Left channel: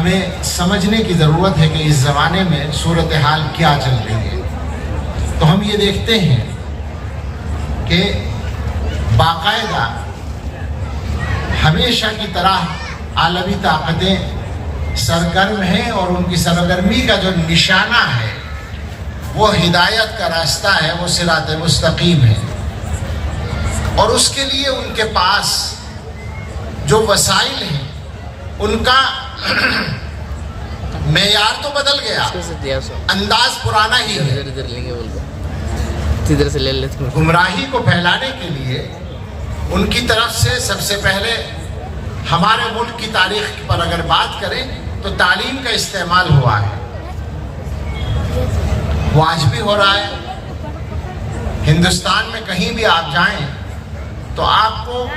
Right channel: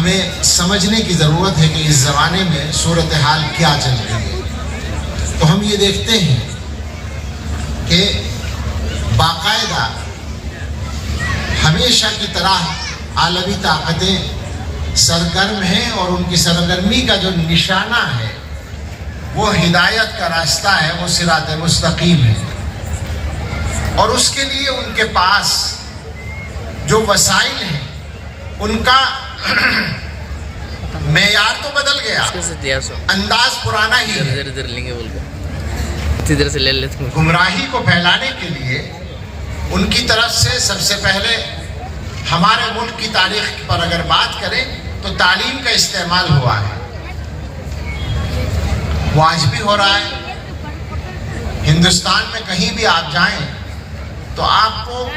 ہمیں سمجھنے کی ضرورت ہے کہ اس زمانے میں صورتحال کیا چل رہی ہے۔ تو ہم یہ دیکھتے ہیں کہ باقاعدہ ہمیشہ کی طرح عالمی طاقتیں سرگرم ہیں، اور ان کی سرگرمی کا جو نشانہ ہے وہ ہدایت کا راستہ ہے، وہ صراط مستقیم ہے، اور اس کے لیے ان کے پاس جو وسائل ہیں ان کا معیار تو بدل گیا، انداز پرانا ہی ہے۔ گمراہی کو پھیلانے کے لیے ان کی طرف سے سب سے پہلے ہمارے ملک کی تاریخ پر اگر بات کریں تو تعلیم کا استعمال ہوا ہے، وہ آج بھی ہو رہا ہے۔ ہندوستان میں کہیں بھی آپ جائیں تو آپ کو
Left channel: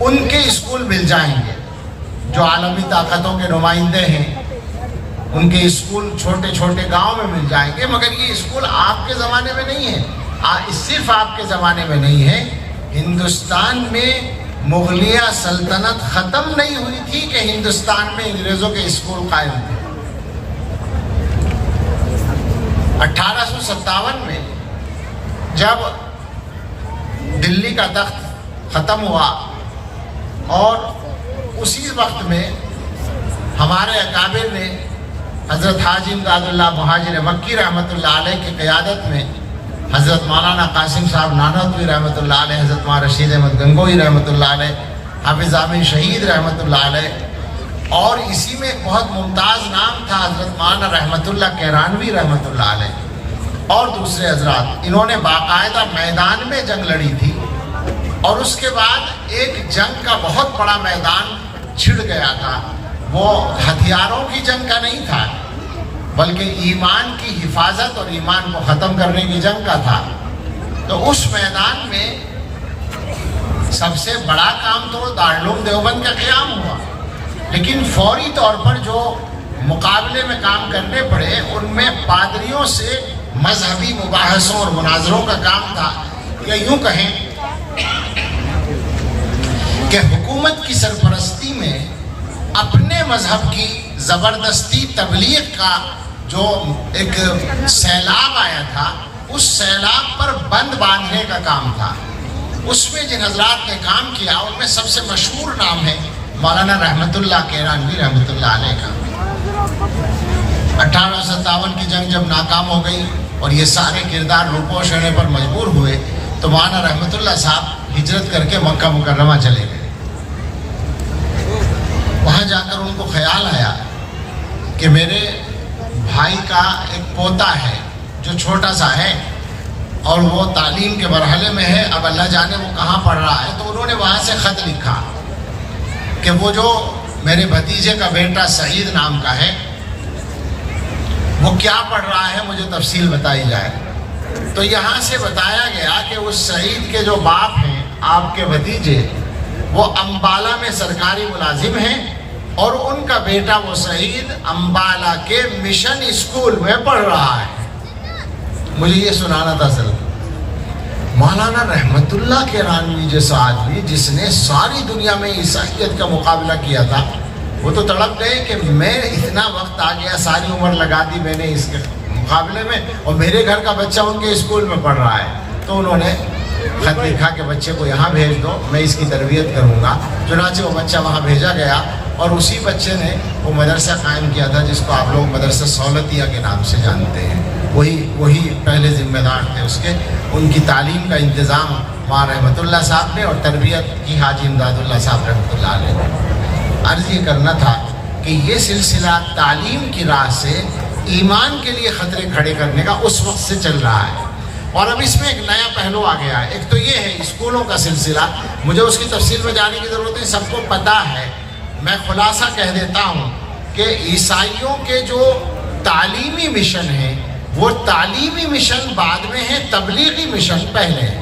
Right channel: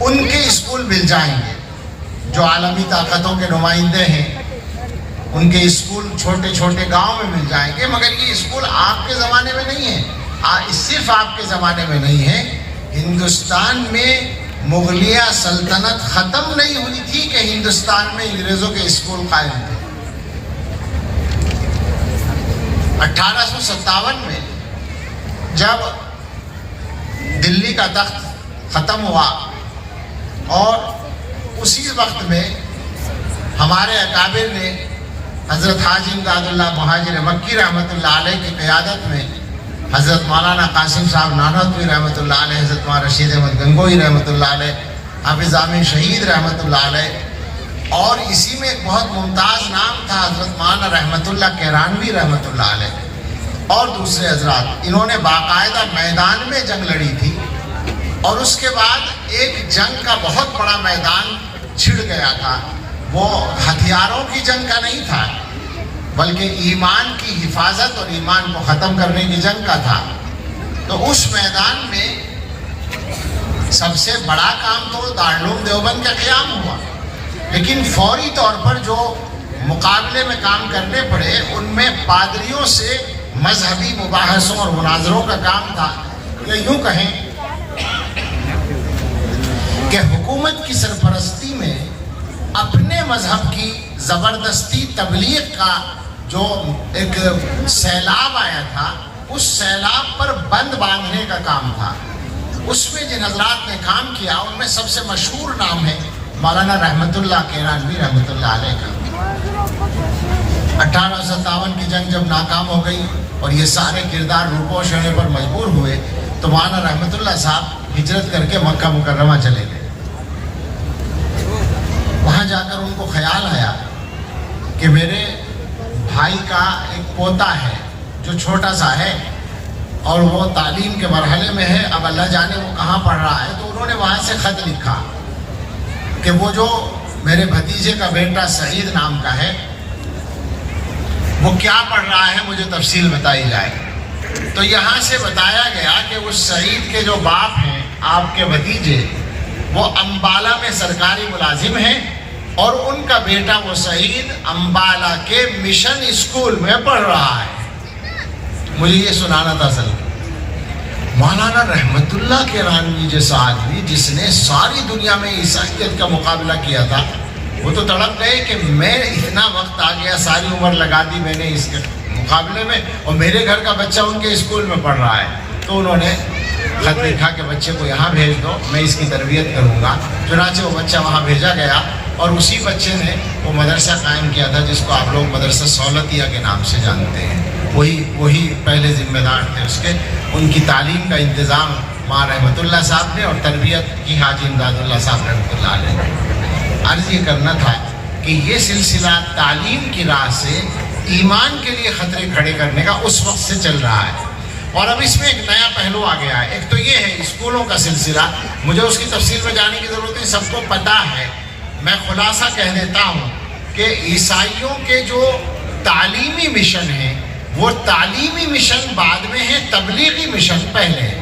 ان کے اسکول مل جائیں گے جو عالمی طاقتوں کے نمائندے ہیں، ان کے اسکول چھوٹے چھوٹے گاؤں میں مل جائیں گے، مگر یہ اسکول آپ کے زمانے میں نہیں ہے، صرف آپ کے زمانے میں نہیں ہے۔ ہندوستان میں مغلیہ سلطنت ختم نہیں ہوئی تھی کہ ہندوستان میں انگریزوں کے اسکول قائم تھے۔ 1857 میں جب دلی کا تخت ختم ہوا، اور اسی وقت میں ہمارے اکابر نے حضرت حاجی امداد اللہ مہاجر مکی رحمۃ اللہ علیہ کی قیادت میں حضرت مولانا قاسم صاحب نانوتوی رحمۃ اللہ علیہ، حضرت مولانا رشید احمد گنگوئی رحمۃ اللہ علیہ، حافظ امین شہید رحمۃ اللہ علیہ، اور اسی میں ایک بہت ممتاز نام تھا حضرت مولانا رحمۃ اللہ کیرانوی رحمۃ اللہ علیہ، اور دوسرے حضرات۔ انہوں نے باقاعدہ میدان میں جنگ لڑی تھی، اور اس کے بعد ایک جنگ کا بہت بڑا میدان چھڑ گیا تھا۔ وہ ہتھیاروں کی جنگ کا نہیں تھا، بلکہ ایمان کی حفاظت اور ایمان کو ختم کرنے کی جنگ کا تھا۔ تو اس میدان میں سب سے بڑا کام تو دارالعلوم دیوبند کا قیام ہوا، لیکن فوری طور پر جو مقابلے میں کام کرنے پڑے ان میں پادریوں سے مذہبی مباحثوں اور مناظروں کا کام تھا، یا یوں کہیں کہ حکومت کی سرپرستی میں اپنے مذہب کی زبردستی تبلیغ کا جو ایک سیلاب آیا تھا، اس سیلاب پر بند باندھنے کا کام تھا۔ اس میں جن حضرات نے کام کیا ان میں سب سے مشہور نام ہے مولانا رحمۃ اللہ کیرانوی رحمۃ اللہ علیہ کا۔ 1857 کی جنگ جب ناکام ہو گئی اور یہ سارے کردار روپوش ہونے پر مجبور ہوئے تو مولانا رحمۃ اللہ صاحب ہجرت کر کے مکہ مکرمہ چلے گئے۔ وہاں جا کر ان کو خیال آیا کہ میرے بھائی کا ایک پوتا ہے جو چھوٹا سا ہے، اور وہ تعلیم کے مرحلے میں ہے، اب اللہ جانے وہ کہاں پڑھ رہا ہے۔ تو انہوں نے وہاں سے خط لکھا کہ وہ جو میرے بھتیجے کا بیٹا سعید نام کا ہے وہ کیا پڑھ رہا ہے، مجھے تفصیل بتائی جائے۔ تو یہاں سے بتایا گیا کہ اس سعید کے جو باپ ہیں آپ کے بھتیجے، وہ امبالہ میں سرکاری ملازم ہیں، اور ان کا بیٹا وہ سعید امبالہ کے مشن اسکول میں پڑھ رہا ہے۔ مجھے یہ سنانا تھا سر۔ مولانا رحمت اللہ کیرانوی جیسا آدمی جس نے ساری دنیا میں عیسائیت کا مقابلہ کیا تھا، وہ تو تڑپ گئے کہ میں اتنا وقت آ گیا، ساری عمر لگا دی میں نے اس کے مقابلے میں، اور میرے گھر کا بچہ ان کے اسکول میں پڑھ رہا ہے۔ تو انہوں نے خط لکھا کہ بچے کو یہاں بھیج دو، میں اس کی تربیت کروں گا۔ چنانچہ وہ بچہ وہاں بھیجا گیا، اور اسی بچے نے وہ مدرسہ قائم کیا تھا جس کو آپ لوگ مدرسہ سہولتیہ کے نام سے جانتے ہیں۔ وہی پہلے ذمہ دار تھے اس کے۔ ان کی تعلیم کا انتظام ماں رحمت اللہ صاحب نے، اور تربیت کی حاجی امداد اللہ صاحب رحمۃ اللہ علیہ۔ عرض یہ کرنا تھا کہ یہ سلسلہ تعلیم کی راہ سے ایمان کے لیے خطرے کھڑے کرنے کا اس وقت سے چل رہا ہے، اور اب اس میں ایک نیا پہلو آ گیا ہے۔ ایک تو یہ ہے اسکولوں کا سلسلہ، مجھے اس کی تفصیل میں جانے کی ضرورت نہیں، سب کو پتہ ہے۔ میں خلاصہ کہہ دیتا ہوں کہ عیسائیوں کے جو تعلیمی مشن ہیں وہ تعلیمی مشن بعد میں ہیں، تبلیغی مشن پہلے ہیں۔